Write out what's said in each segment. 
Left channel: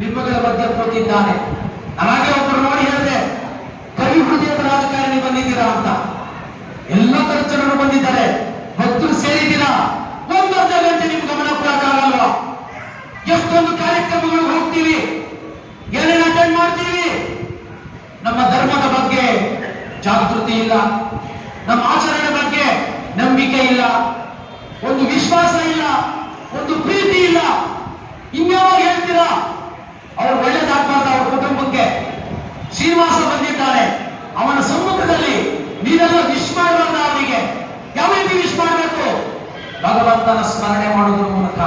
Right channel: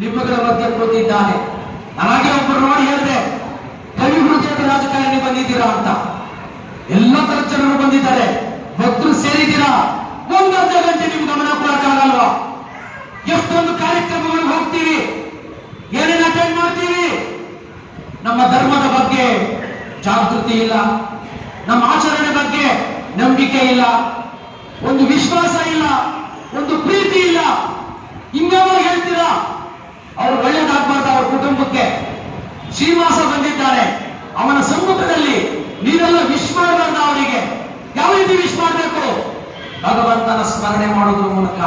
ನಿಮ್ಮಗಳ ಬಗ್ಗೆ ಕೂತಿದ್ದಾನೆ. ನನಗೆ ಒಬ್ಬರು ನೋಡಿ ಹೇಳಿದೆ, ಕವಿ ಹೃದಯದ ರಾಜಕಾರಣಿ ಬಂದಿದ್ದೀರಾ ಅಂತ. ಎಲ್ಲ ತರ ಜನರು ಬಂದಿದ್ದಾರೆ, ಭಕ್ತರು ಸೇರಿದ್ದೀರಾ. ಒಂದರ್ಧ ಗಂಟೆ ನಿಮ್ ಗಮನ ಕೊಡಕ್ಕಾಗಲ್ವಾ? ಎಷ್ಟೊಂದು ಕಾರ್ಯಕ್ರಮಗಳು ಹೋಗ್ತೀವಿ, ಏನೇನು ಅಟೆಂಡ್ ಮಾಡ್ತೀವಿ. ನಮ್ಮ ಧರ್ಮದ ಬಗ್ಗೆ ಜಾಗೃತಿ ಇಲ್ಲ, ನಮ್ಮ ಆಚರಣೆ ಬಗ್ಗೆ ನಂಬಿಕೆ ಇಲ್ಲ, ಒಂದು ವಿಶ್ವಾಸ ಇಲ್ಲ, ಒಂದು ಪ್ರೀತಿ ಇಲ್ಲ. ಇನ್ಯಾವಾಗ ಹೇಳ್ತೀರಾ? ಅವ್ರು ಒಳ್ಳೇದಾಗ್ಬಾರ್ದು ಅವ್ರ ಕುಟುಂಬಕ್ಕೆ. ಶ್ರೀನಿವಾಸ ಬಂದಿದ್ದಾನೆ, ಅವನ ಸಮ್ಮುಖದಲ್ಲಿ ನೀವೆಲ್ಲ ವಿಶ್ ಮಾಡಬಾರ್ದು. ಅವರಿಗೆ ಯಾವ ರೀತಿ ವಿಶ್ ಮಾಡಬೇಕು? ಭಗವಂತನ ಸ್ಮರಣೆ ಮಾಡೋದ್ರ ಮೂಲಕ.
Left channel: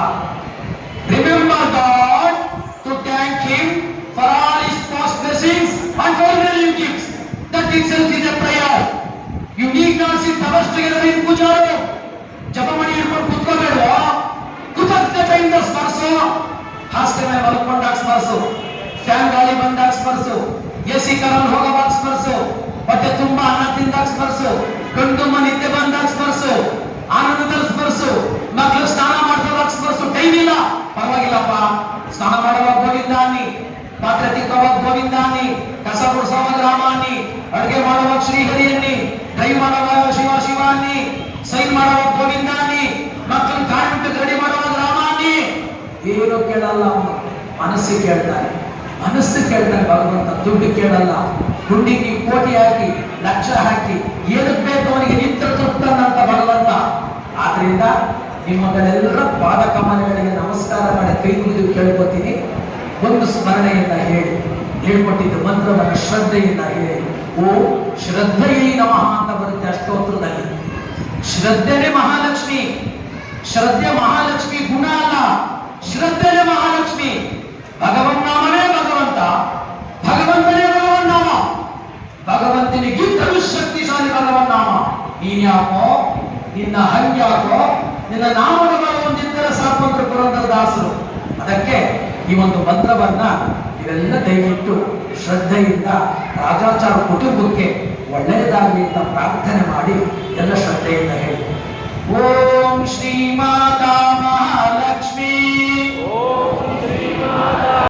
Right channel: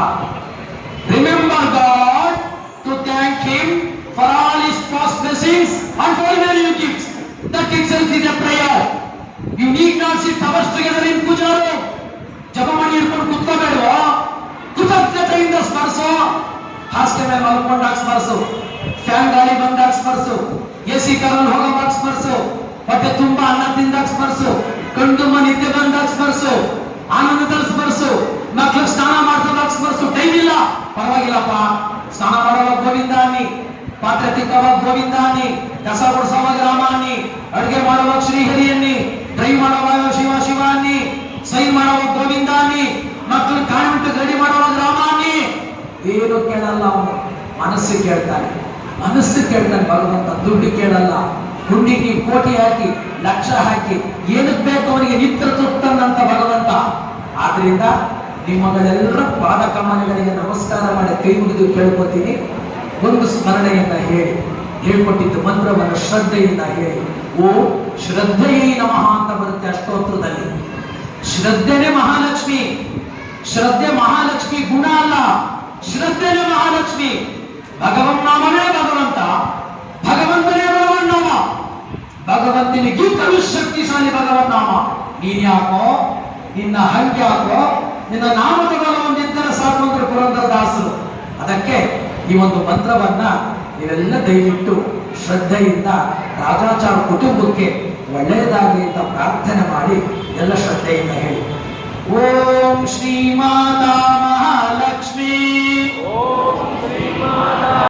Remember God to thank him for all his past blessings and for new gifts. That itself is a prayer. You need not sit hours together in puja room. ಜಪಮಣಿ ಹಿಡ್ಕೊಂಡು ಕುತ್ಕೋಬೇಡವಾ? ಕೃತಜ್ಞತೆಯಿಂದ ಸ್ಮರಿಸು. ಹಾಸ್ಟೆಲ್ ಮೇಲೆ ಮಲ್ಕೊಂಡಾಗ ಸ್ಮರಿಸು, ಫ್ಯಾನ್ ಗಾಳಿ ಬಂದಾಗ ಸ್ಮರಿಸು, AC ಕರಲ್ಲಿ ಹೋಗೋವಾಗ ಸ್ಮರಿಸು, ಹೊಟ್ಟೆ ತುಂಬಾ ಅನ್ನ ತಿಂದಾಗ ಸ್ಮರಿಸು, ಕಣ್ಣು ತುಂಬ ನಿದ್ದೆ ಬಂದಾಗ ಸ್ಮರಿಸು, ಆನಂದದಲ್ಲಿ ಸ್ಮರಿಸು, ಮಕ್ಕಳು ಸ್ನಾನ ಮಾಡ್ಸೋವಾಗ ಸ್ಮರಿಸು. ಟೈಮ್ ಇಲ್ಲ, ಪರವಾಗಿಲ್ಲಪ್ಪ. ಸ್ನಾನ ಮಾಡುವಾಗ ಗೋವಿಂದಾನಿ, ಪಾತ್ರೆ ತಿಕ್ಕುವಾಗ ಗೋವಿಂದಾನಿ, ಕಸ ಗುಡಿಸುವಾಗ ರಾಮಾನಿ, ಅಡುಗೆ ಮಾಡುವಾಗ ಶ್ರೀಹರಿಯನ್ನಿ, ಡ್ರೈವ್ ಮಾಡುವಾಗ ಶಿವ ಶಿವಾನಿ, ಸೈನ್ ಮಾಡುವಾಗ ಗೋವಿಂದಾನಿ, ಮಕ್ಕಳು ಕಾನ್ವೆಂಟ್ ರೆಡಿ ಮಾಡುವಾಗ ರಾಮಾನಿ. ಏನು ಕೇಳಲ್ಲ ಅವನು, ಮನಸ್ಸು ಕೇಳ್ತಾನೆ. ಮನಸ್ಸು ಕೇಳ್ತಾನೆ ಭಗವಂತ. ದುಡ್ಡು ಕೇಳಲ್ಲ. ಹುಂಡಿಗೆ ನೀವು ಕೋಟಿ ಹಾಕಿ, ಲಕ್ಷ ಹಾಕಿ, ಏನಕ್ಕೆ ಬೇಕು ಅವನಿಗೆ ನಿತ್ಯ ತೃಪ್ತನಂತ ಭಗವಂತ. ಆದ್ರಿಂದ ನಿಮ್ಮಗಳೆಲ್ಲರ ಪಾದ ಕಮಲಗಳಿಗೆ ನಮಸ್ಕಾರ ಮಾಡಿ ಕೈ ಮುಗಿದು ಕೇಳ್ಕೊತೀನಿ. ಒಂದು ಸ್ಮರಣೆಯಿಂದ ಹೇಳಿ, ಹೇಳ್ಕೊಟ್ಟಿದ್ದು ಮಂತ್ರವನ್ನು ಶ್ರದ್ಧೆಯಿಂದ ಹೇಳಿ. ಓ ಶ್ರದ್ಧೆಯೇ ನಮಃ ಅಂತ ಬರುತ್ತೆ ಅಷ್ಟೋತ್ರದಲ್ಲಿ. ಶ್ರದ್ಧೆನೇ ಮಹಾಲಕ್ಷ್ಮಿ. ಶ್ರದ್ಧೆ ಮಹಾಲಕ್ಷ್ಮಿ ಗುಣ ಅಲ್ಲ, ಶ್ರದ್ಧೆನೇ ಮಹಾಲಕ್ಷ್ಮಿ. ಭಗವನ್ ನಾಮವೇ ಭಗವಂತ, ಭಗವಂತನೇ ಭಗವನ್ ನಾಮ. ಭಗವಂತನಿಗಿಂತಲೂ ಶಕ್ತಿಶಾಲಿ ಭಗವನ್ ನಾಮ. ನೀನ್ಯಾಕೋ, ನಿನ್ನ ಹಂಗ್ಯಾಕೋ, ನಿನ್ನ ನಾಮಗಳು ಒಂದಿದ್ದರೆ ಸಾಕು ಅಂತ ಪುರಂದರದಾಸರು. ಅದಕ್ಕೆ ಈ ಒಂದು ಮಂತ್ರವನ್ನ ನೀವೆಲ್ಲ ದಯವಿಟ್ಟು ಶ್ರದ್ಧೆಯಿಂದ ರಾಜಾಚಾರ ಕುಟುಂಬಕ್ಕೆ ಒಳ್ಳೆಯದಾಗಲಿ ಅಂತ ಪ್ರಾರ್ಥನೆ ಮಾಡಿ ಎಲ್ಲ ಶ್ರದ್ಧೆಯಿಂದ ಹೇಳಿ. ಓಂ ಶ್ರೀ ಮಾತಾ